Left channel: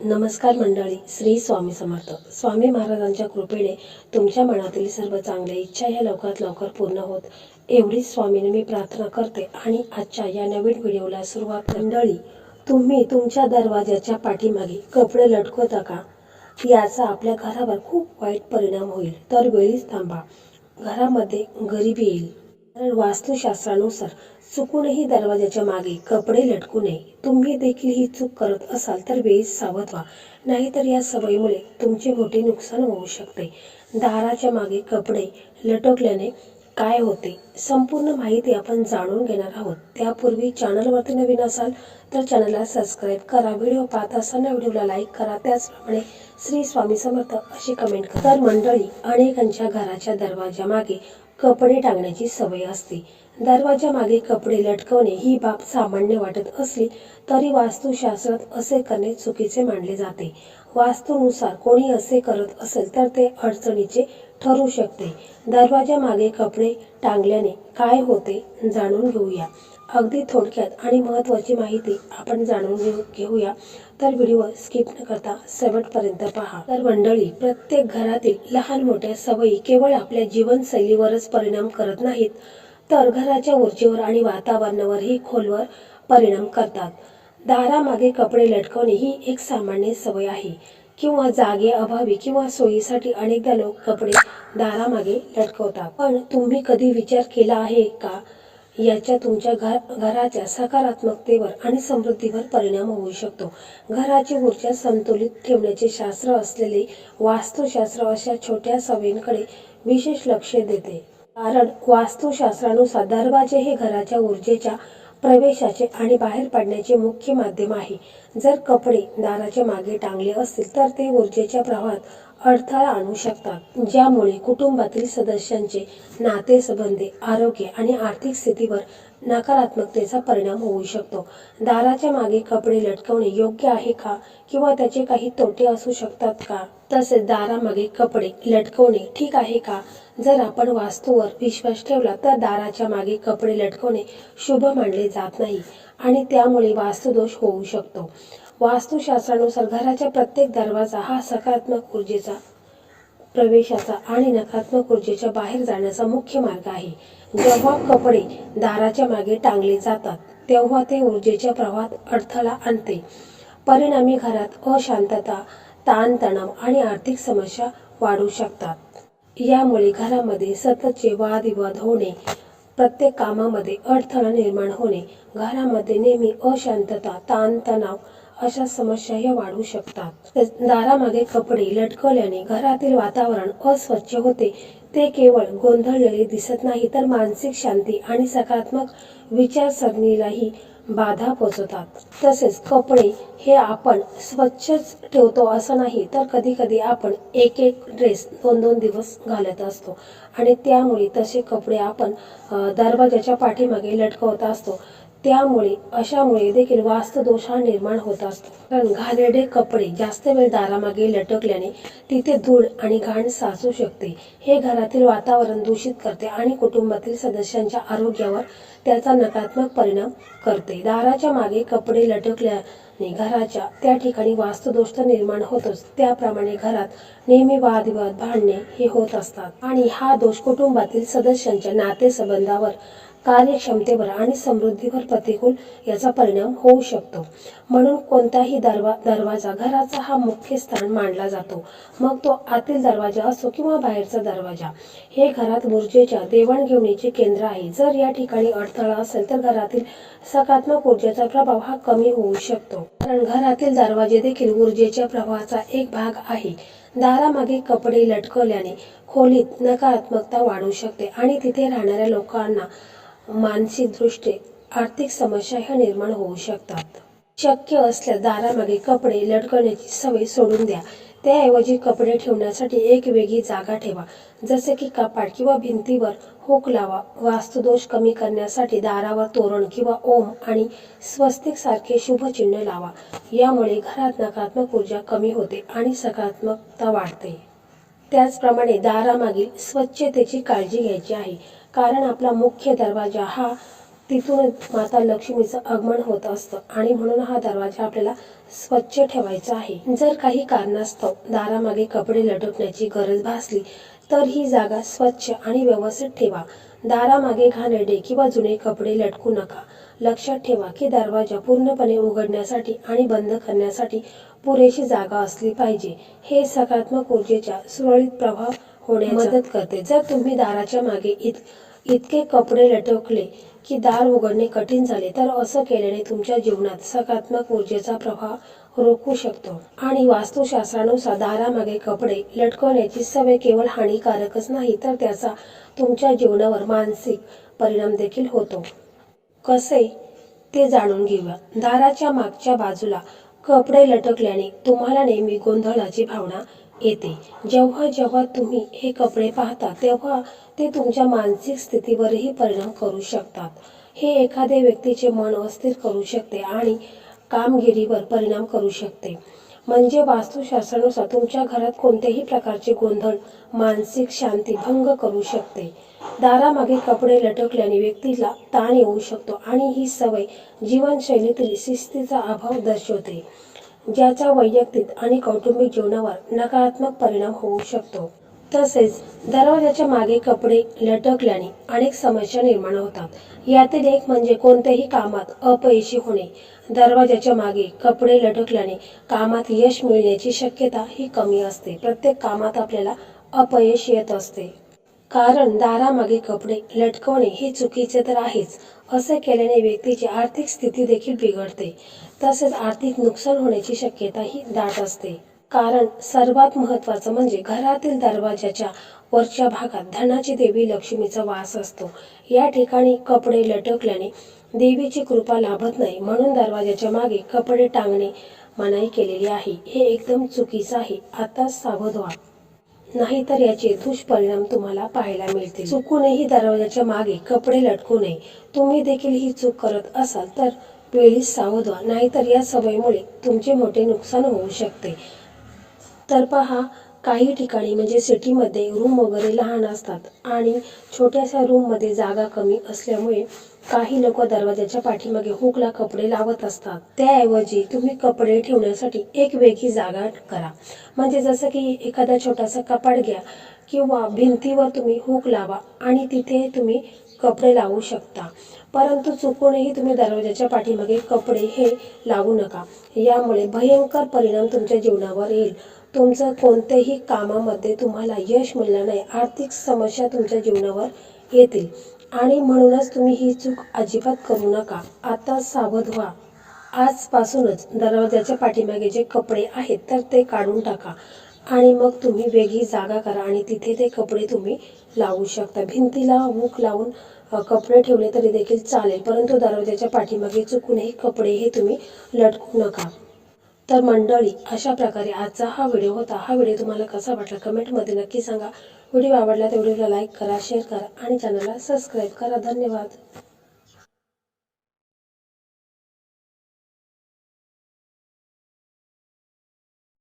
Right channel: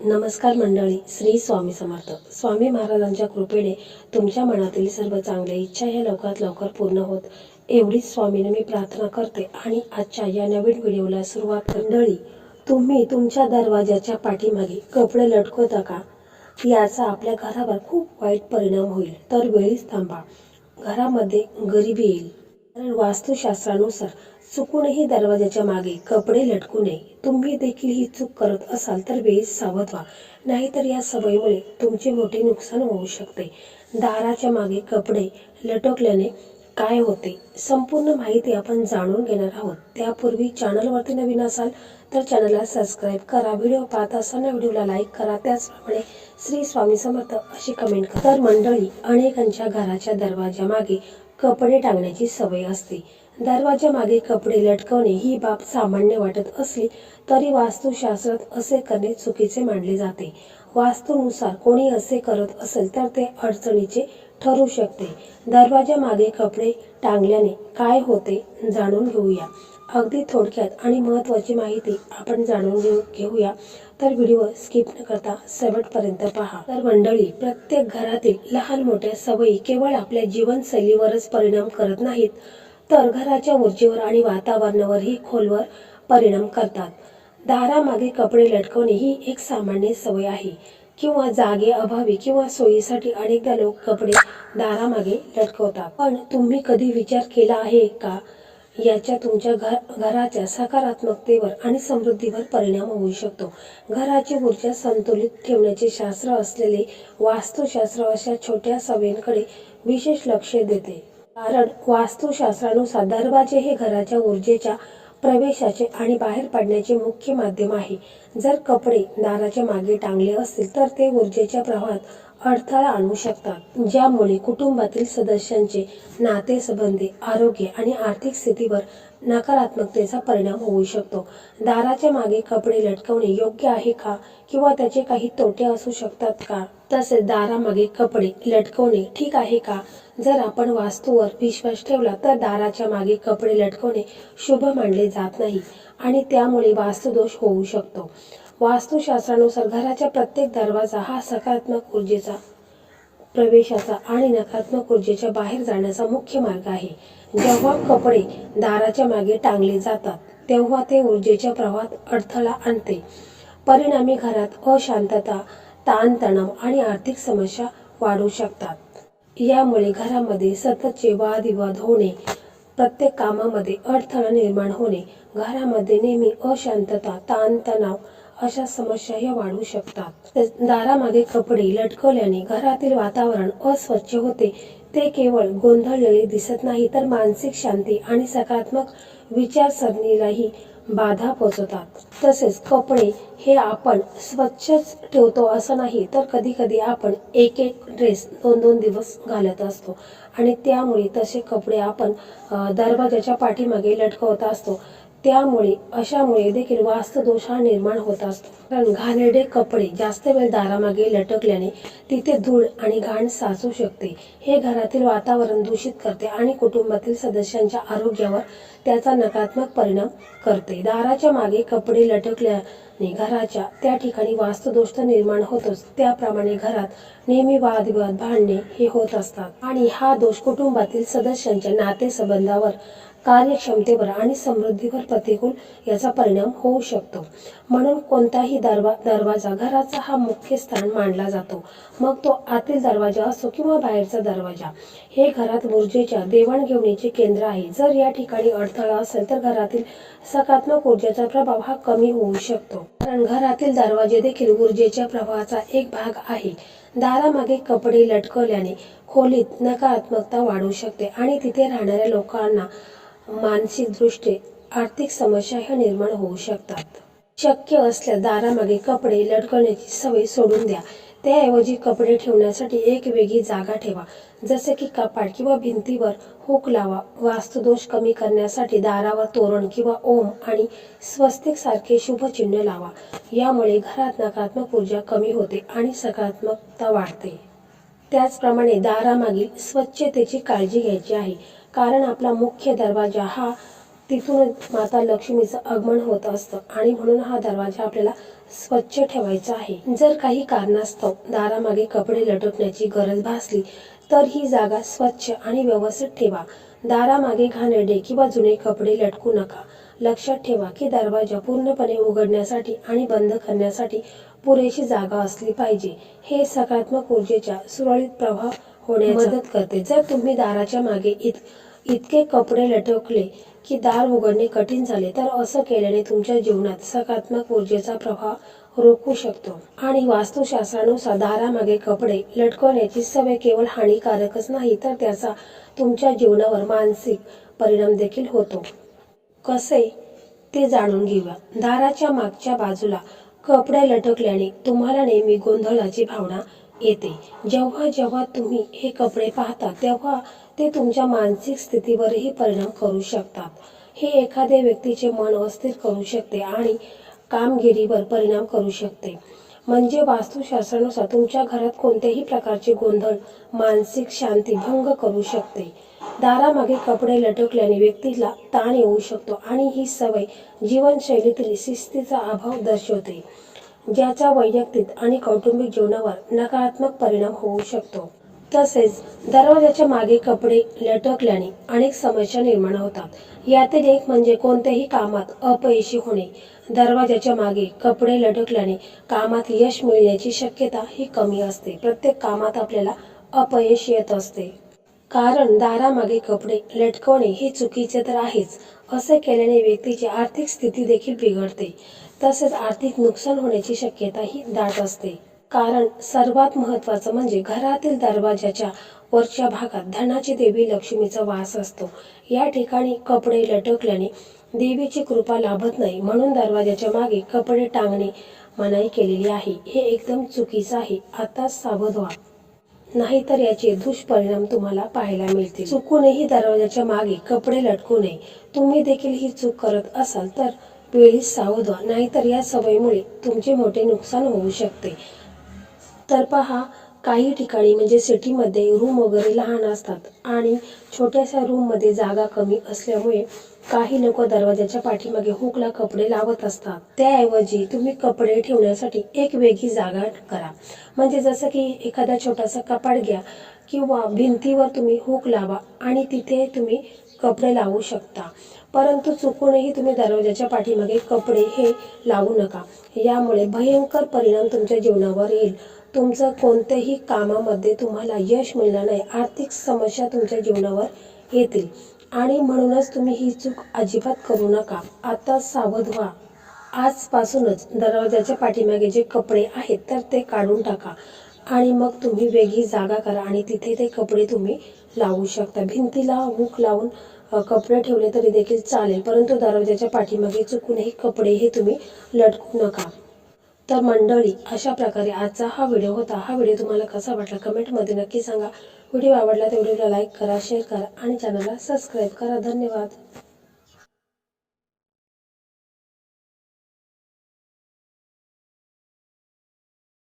नमस्कार मंडळी श्री स्वामी समर्थ. स्वामी महाराजांच्या कृपेने तुमच्या मनातील सर्व चांगल्या इच्छा या लवकरात लवकर पूर्ण होत. एवढीच स्वामीने मी प्रार्थना करते आणि आजच्या या नवीन व्हिडिओला सुरुवात मंडळी तुम्ही तुमच्या दरवाजाच्या पाठीमागे कपडे लटकवता का? याचा आपल्या घरावर खूप वाईट परिणाम होईल. तर वेळीच थांबा. घरामध्ये गरिबी येईल. कारण वास्तुशास्त्रानुसार चुकूनही दरवाजाच्या मागे कपडे लटकू नये. तुम्ही देखील ही चूक करत असाल तर वेळीच सावध व्हा. नाहीतर या सवयीमुळे तुमचे मोठे नुकसान होऊ शकते. दाराच्या मागे कपडे लटकल्याने काय होते? संपूर्ण माहिती आपण जाणून घेणार आहोत. त्यापूर्वी चॅनलवरती नवीन असाल तर चॅनलला सबस्क्राईब करा. व्हिडिओ पाहत असताना व्हिडिओला लाईक करा. त्याचप्रमाणे श्री स्वामी समर्थ अशी कमेंट करा. तर मंडळी अनेकांच्या घराच्या दरवाजामागे कपडे टांगण्याची सवय असते. दरवाजा मागे कपडे लटकवणे ही बाब सामान्य वाटत असली तरी वास्तुशास्त्रात असे करणे चुकीचे मानले जाते. वास्तूनुसार कोणी असे करत असेल तर ते अडचणीचे ठरू शकते. दरवाजा मागे कपडे टांगल्याने काय होते जाणून घेऊया. अगदी थोडक्यात आणि महत्त्वाची माहिती आपण जाणून घेऊ घेऊया. तर व्हिडिओ स्किप न करता शेवटपर्यंत पहा. तर मंडळी प्रत्येक घरातील लहान मोठ्या सवयी केवळ आपल्या जीवनशैलीवरच परिणाम करत नाहीत. तर घराच्या ऊर्जेवर आणि वातावरणावरही खोलवर परिणाम करतात. दारामागे कपडे लटकवणे ही एक सामान्य सवय आहे. किंवा जागे अभावी किंवा सोयीसाठी अनेकदा लोक कपडे दारामागे लटकवतात. पण तुम्ही कधी विचार केला आहे का? याच्या तुमच्या घर घराच्या सकारात्मकतेवर आणि समृद्धीवर परिणाम होऊ शकतो. घराची ऊर्जा संतुलित ठेवण्याचे शास्त्र असलेले वास्तुशास्त्र अशा छोट्या सवयींकडे विशेष लक्ष देते. कारण वास्तुशास्त्रानुसार दरवाजे हे घराच्या ऊर्जेच्या प्रवेशाचे आणि बाहेर पडण्याचे मुख्य माध्यम आहे. जर कपडे दाराच्या मागे टांगले असतील तर ते ऊर्जेच्या प्रवाहात अडथळा आणू शकतात ज्यामुळे कुटुंबातील सदस्यांचे नातेसंबंधी आरोग्य आणि आर्थिक स्थितीवर नकारात्मकतेचा परिणाम होऊ शकतो. दाराच्या मागे कपडे लटकवणे योग्य आहे का? किंवा त्याचे काही तोटे असू शकतात का? तसेच दारामागे कपडे लटकवणे ठीक आहे का? जर आपण वास्तूवर विश्वास ठेवला तर दाराच्या मागे कपडे लटकवणे शुभ मानले जात नाही आणि त्यामुळे वास्तुदोष होऊ शकतो. वास्तुशास्त्रानुसार घराच्या प्रत्येक दरवाजा हा सकारात्मक ऊर्जेचा प्रवेशाचा आणि नकारात्मक ऊर्जेच्या बाहेर जाण्याचा मुख्य मार्ग आहे. जेव्हा कपडे दाराच्या मागे टांगले जातात तेव्हा ते ऊर्जेच्या प्रवाहात अडथळा आणते. परिणामी घरात अशांतता ताणतणाव आणि आर्थिक समस्या वाढू शकतात. यामुळे घरामध्ये सततचे वादविवाद होणे प्रत्येक कामामध्ये अडथळा निर्माण होणे घरामध्ये नेहमी अशांतता ताणतणाव अशा समस्याही वाढू शकतात. दारामागे कपडे लटकवल्याने घरातील वातावरण अस्वच्छ होते. ते केवळ गोंधळलेले दिसत नाही तर मानसिक शांती आणि सकारात्मक विचारसरणीलाही बाधा पोचवतात तसेच कपडे हे आपण स्वच्छच ठेवतो असं नाही तर कधी कधी आपण एक एक ड्रेस दोन दोन दिवस घालत असतो. आणि त्यामुळे तसे कपडे आपण दरवाजाच्या पाठीमागे लटकवत असतो. त्यामुळे अशामुळे देखील वास्तुदोष हा निर्माण होत असतो. कारण घाणेरडे कपडे जास्त वेळ दारामागे लटकल्याने तिथे धूळ आणि घाण साचू शकते. हे घरातील वातावरण दूषित करते आणि कुटुंबातील सदस्यांच्या आरोग्यावर त्याचा नकारात्मक परिणाम करते. दाराच्या मागे कपडे लटकल्याने घराच्या त्या ठिकाणी वास्तुदोष तर निर्माण होतोच. त्याप्रमाणे घरात नेहमी वादविवाद भांडणे हे होत असतात. आणि हा दोष कुटुंबातील सदस्यांच्या नातेसंबंधावर कार्यक्षमतेवर आणि समृद्धीवर प्रतिकूल याचा परिणाम होऊ शकतो. म्हणून कोणताही दरवा दरवाजा घराचा हा मुख्य स्थान मानला जातो. मग तो आतील दरवाजा असो किंवा बाहेरचा दरवाजा. हे घरात ऊर्जेच्या देवाणघेवणीचे केंद्र आहे. जर या ठिकाणी अडथळा असेल तर घरातील सकारात्मक ऊर्जेचा प्रभाव हा कमी होऊ शकतो. कारण घरातील दरवाजे देखील ऊर्जेच्या प्रवाहाचा एक भाग आहे. दारामागे कपडे लटकवल्याने खोलीत नकारात्मकता वाढू शकते आणि तिथे राहणाऱ्या लोकांना मानसिकदृष्ट्या आर्थिक समस्या ह्या निर्माण होऊ शकतात. शक्य असल्यास दारामागे कपडे लटकवण्याची सवय सोडून द्या. त्याऐवजी कपडे ठेवण्यासाठी एक वेगळी जागा ठेवा. जसे की कपाट किंवा भिंतीवर हुक लावा. वास्तुदोष कमी करण्यासाठी दारावर तोरण किंवा ओम आणि स्वस्तिक सारखे शुभचिन्ह लावा. यामुळे घरात नकारात्मक ऊर्जा कमी होते आणि सकारात्मकता वाढते. त्याचप्रमाणे दारामागील स्वच्छतेची काळजी घ्यायची आहे. कारण आपला मुख्य दरवाजा हा तिथूनच माता लक्ष्मीचं आगमन होत असतं. आणि म्हणून हा दरवाजा आपल्याला स्वच्छ ठेवायचा आहे. जर काही कारणास्तव दारामागे कपडे लटकण्याची गरज भासली तर ही जागा स्वच्छ आणि व्यवस्थित ठेवा. दारामागे घाणेरडे किंवा जुने कपडे लटकू नका. लक्षात ठेवा की दरवाजा पूर्णपणे उघडण्यासाठी आणि बंद करण्यासाठी पुरेशी जागा असली पाहिजे. हे सकारात्मक ऊर्जेच्या सुरळीत प्रवाह मदत करते. जर तुम्ही दाराच्या मागे इत इतके कपडे लटकले की दार उघडणे कठीण झाले तर असं केल्याने तुमच्या जीवनात सकारात्मक ऊर्जेचा प्रभाव रोखू शकतो. आणि वास्तुशास्त्रानुसार दारामागे कपडे लटकवण्याची सवय केवळ हानिकारकच नाही तर त्याचा तुमच्या जीवनावर मानसिक परिणाम देखील होतो. कसे? ते जाणून घेऊया. दाराच्या मागच्या बाजूला कपडे लटकल्याने तुम्हाला नेहमी गोंधळाची भावना येते. जेव्हा जेव्हा तुम्ही हे कपडे पाहता तेव्हा ते तुमच्या मानसिक स्थितीवरही परिणाम करू शकतात. हे एखाद्या व्यक्तीचे मन अस्थिर करू शकते आणि कामगिरीवर परिणाम करू शकते. म्हणजे वास्तुशास्त्रानुसार तुमच्या घरात कोणत्याही प्रकारचे गोंधळ मानसिक शांती भंग करू शकते. दारामागे कपडे लटकल्याने व्यक्तीला ताण येऊ शकतो आणि ही सवय जीवनशैलीतील शिस्तीचा अभाव दर्शवते. ज्याचा वैयक्तिक आणि कौटुंबिक जीवनावर नकारात्मक परिणाम होऊ शकतो. तसेच दरवाजाच्या मागे कपडे लटकल्याने अनेक समस्या निर्माण होतात. यातील एक म्हणजे कोणत्याही कामात अपयशी होणे. दरवाजाच्या मागे कपडे लटकल्याने कामात यश मिळण्याची शक्यता ही कमी असते. प्रत्येक कामात आपल्याला अपयश येत असते. कारण दारामागे कपडे लटकवणे हे चुकीचे तर आहेच. असे केल्याने व्यक्तीची आर्थिक स्थिती देखील बिघडते. तसेच आर्थिक नुकसान होण्याची शक्यता ही दाट असते. कारण सर्वात महत्त्वाचं म्हणजे घरातील दरवाजाच्या वरच्या भागात धनाची देवी लक्ष्मीचा वास असतो. या ठिकाणी कपडे लटकल्याने देवीची कृपा लाभत नाही म्हणून दरवाजाच्या मागे कपडे टांगणे मनाई केलेली आहे. हे एकदम चुकीचं आहे. आता सावध व्हा. नाहीतर याचे दुष्परिणाम तुम्हाला पाहायला मिळतील. चुकूनही दरवाजाच्या मागे कपडे लटकू नये. तुम्ही देखील ही चूक करत असाल तर वेळीच सावध व्हा. नाहीतर या सवयीमुळे तुमचे मोठे नुकसान होऊ शकते. तर पहा काही ठिकाणी म्हणजे सिटीमध्ये रूम वगैरे लहान असतात आणि छोट्याशा रूममध्ये जागा कमी असल्यामुळे काही लोक दरवाजाच्या पाठीमागे हुकला कपडे लावत असतात. त्याऐवजी तुम्ही कपडे ठेवण्यासाठी एक वेगळी जागा करा. म्हणजे जसं की एखादा छोटासा कपाट घ्या किंवा भिंतीवर तुम्ही हुक लावा आणि तिथे तुम्ही कपडे लावू शकता. परंतु चुकूनही तुम्ही दरवाजाच्या पाठीमागे कपडे हे लावू नका. यामुळे भयंकर परिणाम तुमच्या जीवनावर येईल. तुमचं कोणत्याही कामामध्ये तुम्हाला यश मिळणार नाही. आर्थिक समस्या तुमच्या जीवनावर येतील. आणि म्हणूनच तुम्ही ही चूक अजिबात करू नका. आता सावध व्हा. आजपासूनच दरवाजाच्या पाठीमागे जे कपडे आहेत तर ते काढून टाका. आणि मग तुम्ही वेगळी जागा करा आणि तिथे ते कपडे तुम्ही लावू शकता. भिंतीला हुक लावून कपडे ठेवले तरी देखील चालेल परंतु दरवाजाच्या पाठीमागे चुकूनही कपडे हे तुम्ही लटकू नका. तर मंडळी अशा प्रकारे आजचा हा व्हिडिओ होता. हा व्हिडिओ तुम्हाला कसा वाटला कमेंटमध्ये नक्की सांगा. व्हिडिओ आवडला तर व्हिडिओला लाईक करा शेअर करा आणि चॅनलला सबस्क्राईब करा. धन्यवाद.